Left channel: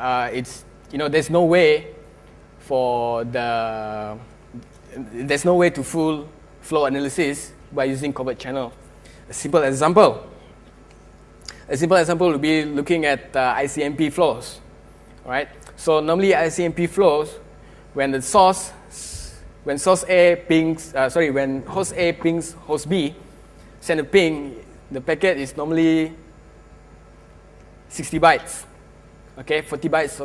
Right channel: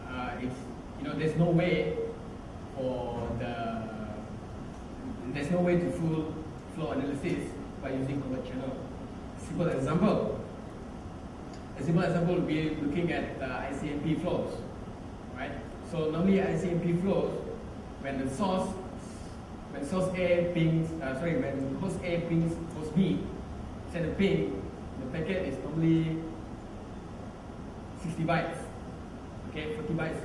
there's no way to full flow analysis by using covert channel. A simple example would be looking at ICMP flows, right? So normally ICMP flows, when host A pings host B, send a ping, the packet is normally 60 bytes. Okay, 40 bytes,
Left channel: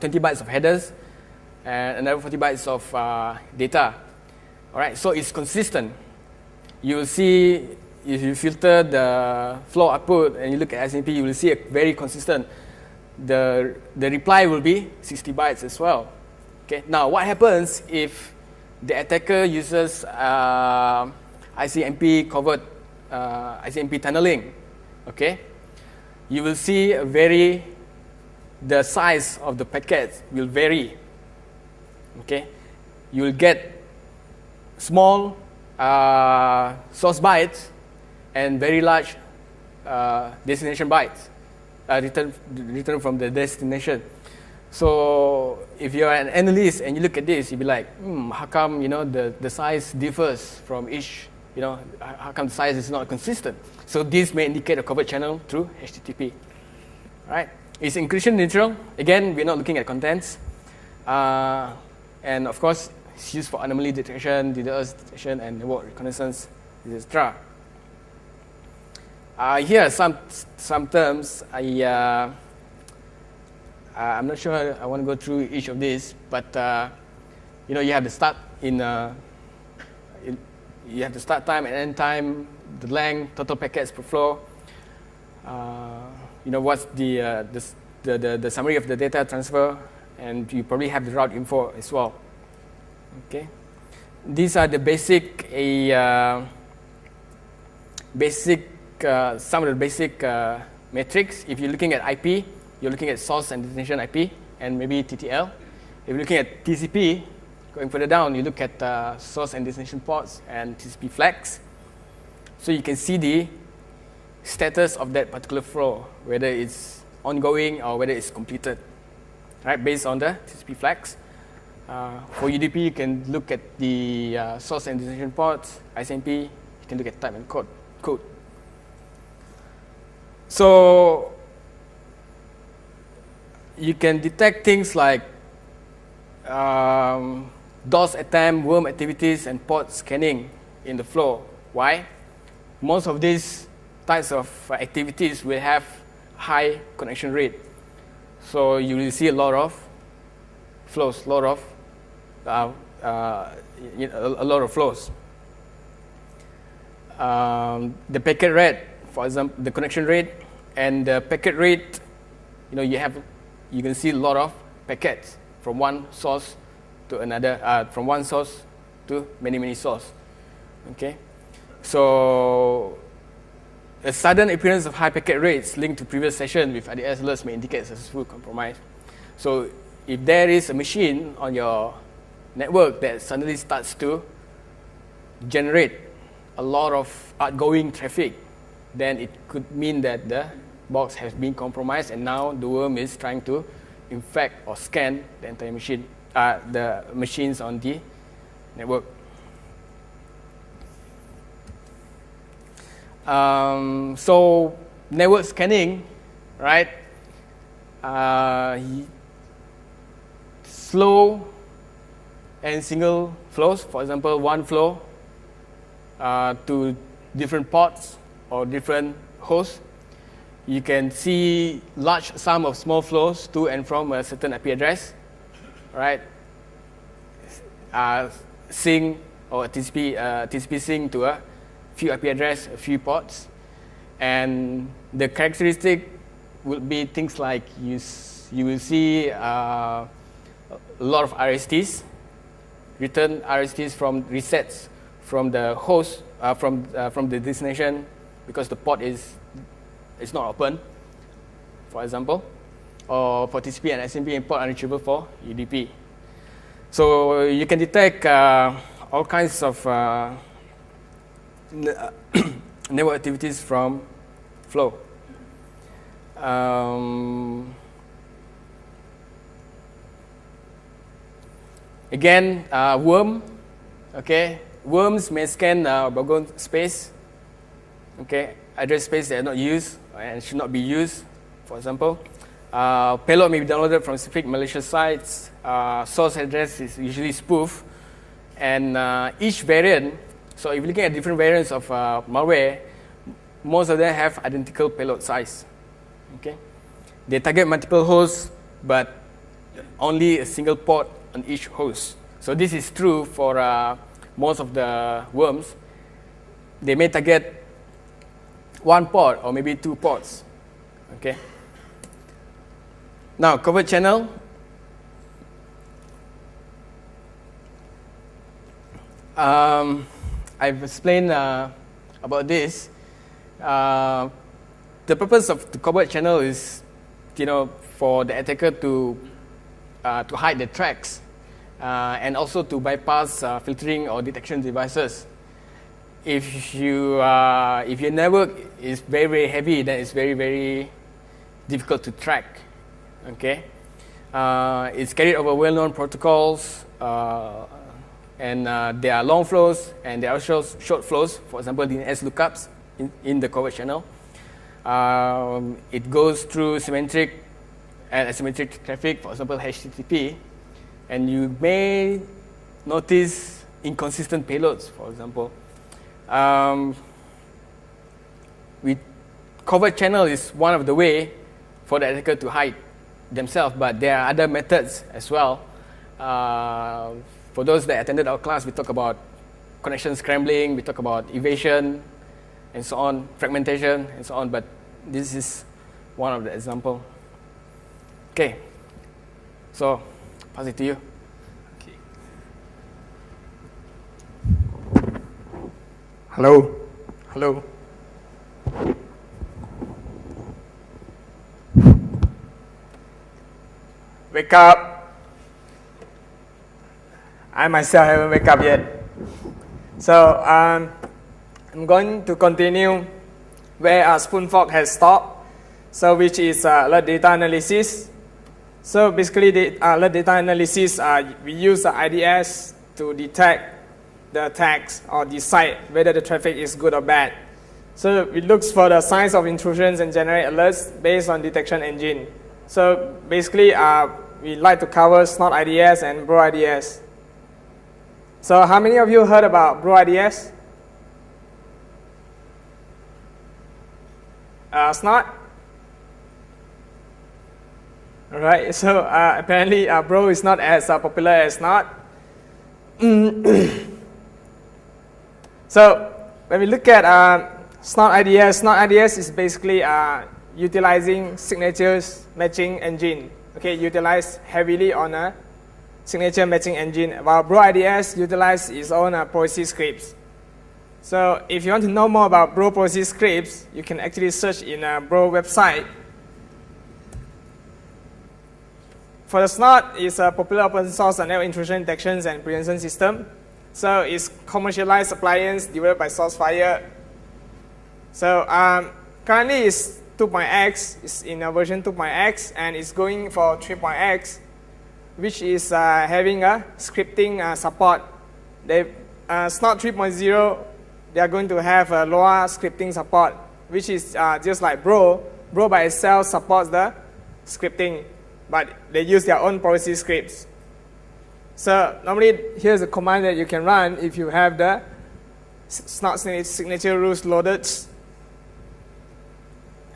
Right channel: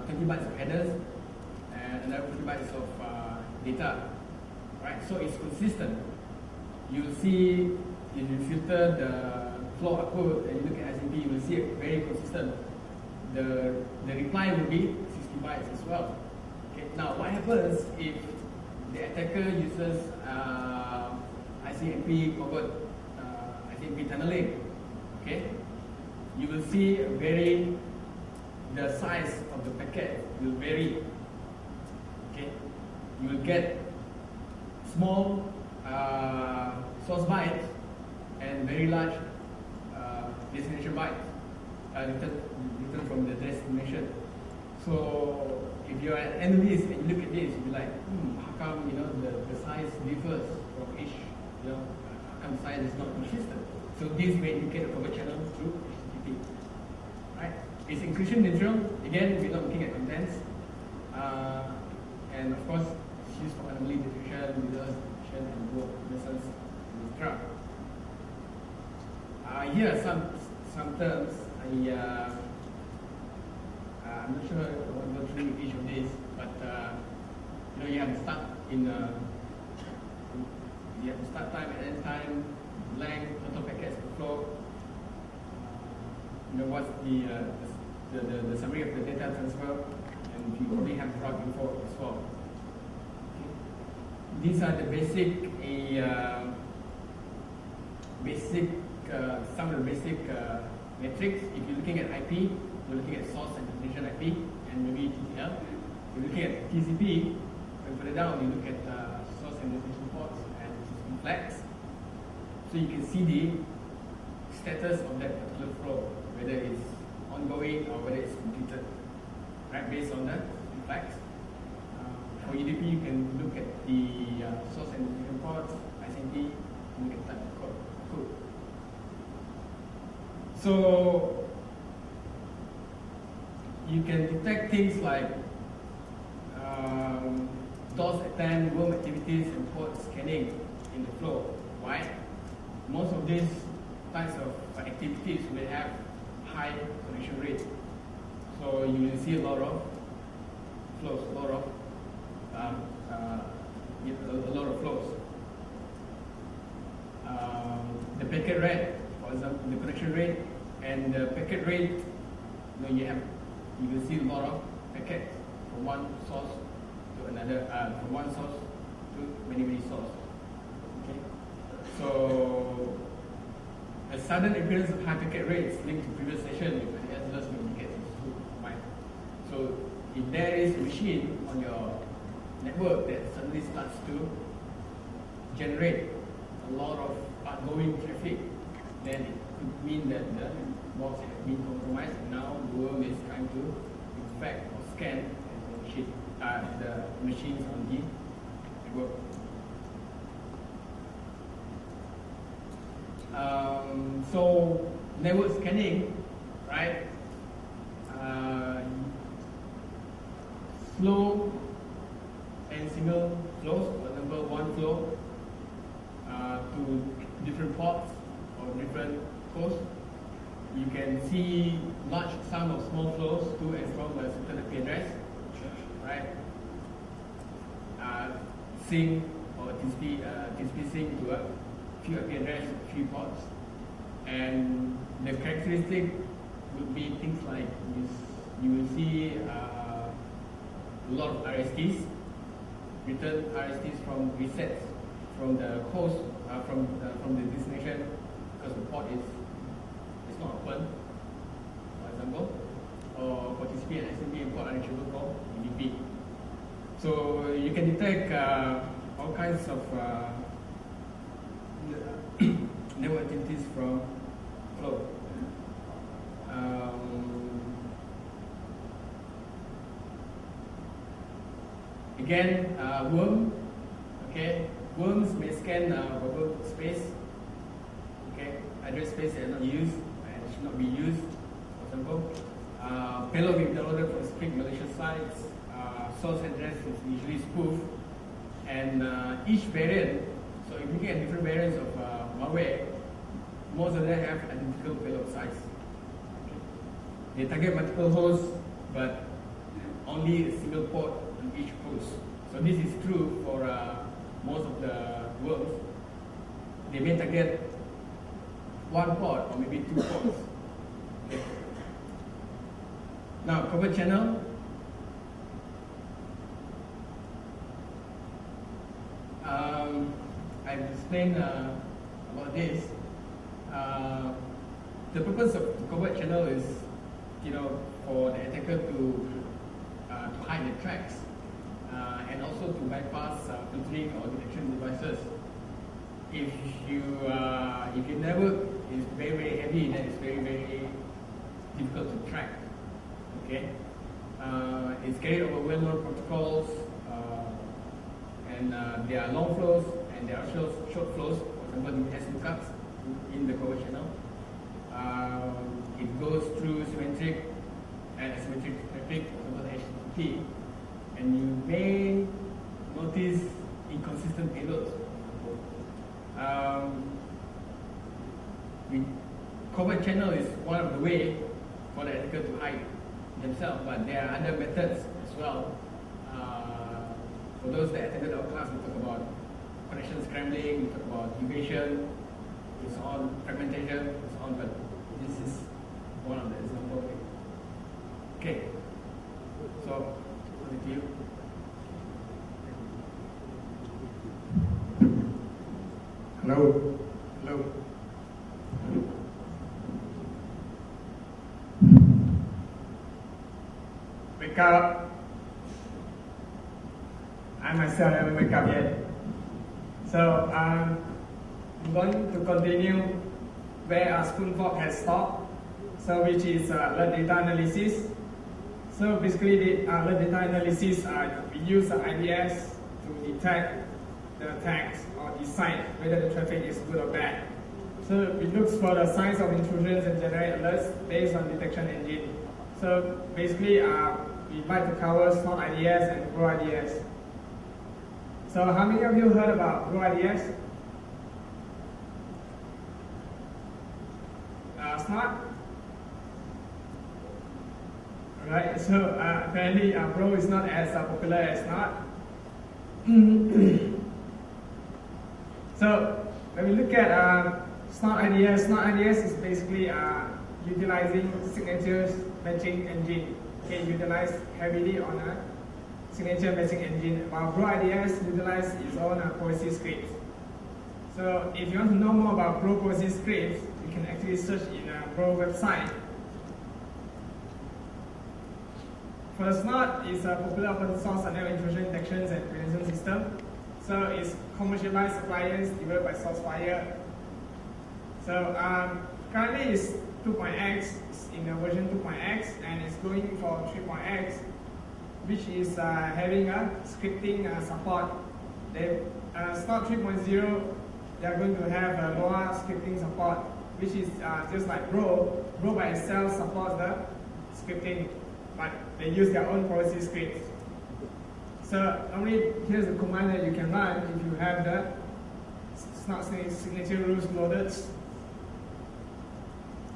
20 bytes of headers, and another 40 bytes of data. All right, so it's consistent. You will see, if you filter the flow output and you look at ICMP, you will see a very consistent. The reply will be 60 bytes as well. Okay, now what happens if the attacker uses ICMP covert, ICMP tunneling? Okay, you will see the size of the packets will vary. Okay, you will get small source bytes and very large destination bytes return from the destination. So if you're an analyst and you look at this, you'll be like, how come the size differs from each? How come the size is not consistent? So this may indicate a covert channel through HTTP. Right? It's encryption neutral. Again, we're not looking at contents, and of course, it's used for anomaly detection, DDoS detection, and network reconnaissance, etc. Here are some terms. I'm not sure I want to go through each of these, but you have the start you have the start time and end time, the length, total packets per flow. What's the summary of the data transfer, and you probably have the route info as well. Okay, these are the some of the basic metrics. If you're looking at IP, you're looking at source and destination IP and maybe TTL. If you're looking at TCP, going further down, you look at source and destination ports and TCP flags. So you can see the status of that particular flow, whether it's ongoing or whether it's completed, right? Based on the TCP flags. For UDP, you can look at the source and destination ports. ICMP, you can look at type and code. So you can detect things like DOS attempt, worm activities, and port scanning in the flow. Why? Most of these types of activities will have high connection rate. So you will see a lot of flows, a lot of flows. The packet rate, for example, the connection rate and the packet rate, you can see a lot of packets from one source to another, from one source to many sources. Okay, so a sudden appearance of high packet rates linked to previous session with IDS alerts may indicate successful compromise. So if there is a machine on your network that suddenly starts to generate a lot of outgoing traffic, then it could mean that the box has been compromised, and now the worm is trying to infect or scan the entire machine, the machines on the network. So network scanning, right? Slow and single flows. For example, one flow to different ports or different hosts. You can see large sum of small flows to and from a certain IP address, right? Sync or TCP sync to a few IP address, a few ports, and the characteristic would be things like you will see a lot of RSTs, return RSTs from resets from the host, from the destination, because the port is not open, for example, or for TCP and SMB and port unreachable for UDP. So you can detect all kinds of network activities from flow. Again, worm. Okay, worms may scan background space. Okay, address space that are not used and should not be used. For example, payload may be downloaded from specific malicious sites. Source address is usually spoof, and each variant. So if you're looking at different variants of malware, most of them have identical payload size. Okay, they target multiple hosts, but only a single port on each host. So this is true for most of the worms. They may target one port or maybe two ports. Okay. Now, covert channel. I've explained about this. The purpose of the covert channel is, for the attacker to hide the tracks and also to bypass filtering or detection devices. If your network is very, very heavy, then it's very, very difficult to track. Okay, it's carried over well-known protocols, and there are long flows and there are short flows. For example, in S lookups in the covert channel, it goes through symmetric and asymmetric traffic. For example, HTTP, and you may notice inconsistent payloads. For example, covert channel is one of the way for the attacker to hide themselves, but there are other methods as well. For those that attended our class, we talk about connection scrambling, we talk about evasion, and so on, fragmentation, and so on, but this is one of the examples. Okay, so pass it to you. Hello. Hello. Wake up. I myself haven't wake up yet. So I'm going to continue where Spoonfork has stopped. So which is alert data analysis. So basically alert data analysis, we use IDS to detect the attacks or decide whether the traffic is good or bad. So it looks for the signs of intrusions and generate alerts based on detection engine. So basically we like to cover Snort IDS and Bro IDS. So how many of you heard about Bro IDS? Snort? Alright, so apparently Bro is not as popular as Snort. So when we look at Snort IDS is basically utilizing signatures matching engine. Okay, utilized heavily on a signature matching engine, while Bro IDS utilizes its own policy scripts. So if you want to know more about Bro policy scripts, you can actually search in a Bro website. For the Snort, it's a popular open source network intrusion detections and prevention system. So it's commercialized appliance developed by SourceFire. So currently it's 2.x, it's in a version 2.x, and it's going for 3.x, which is having a scripting support. Snort 3.0, they are going to have a lower scripting support, which is just like Bro. Bro by itself supports the scripting, but they use their own policy scripts. So normally, here's a command that you can run if you have the Snort signature rules loaded.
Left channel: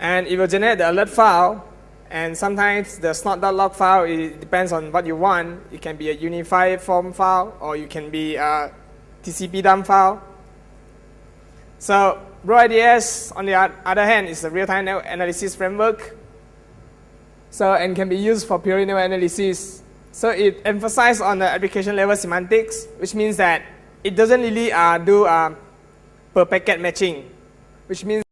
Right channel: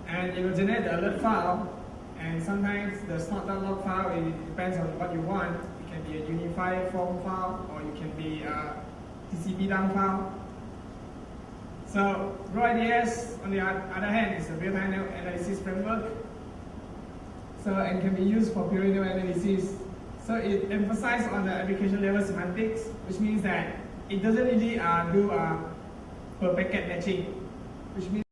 And it will generate the alert file, and sometimes the snort.log file, it depends on what you want. It can be a unified form file, or you can be a TCP dump file. So Bro IDS, on the other hand, is a real-time network analysis framework. So, and can be used for pure network analysis. So it emphasizes on the application level semantics, which means that it doesn't really do per packet matching, which means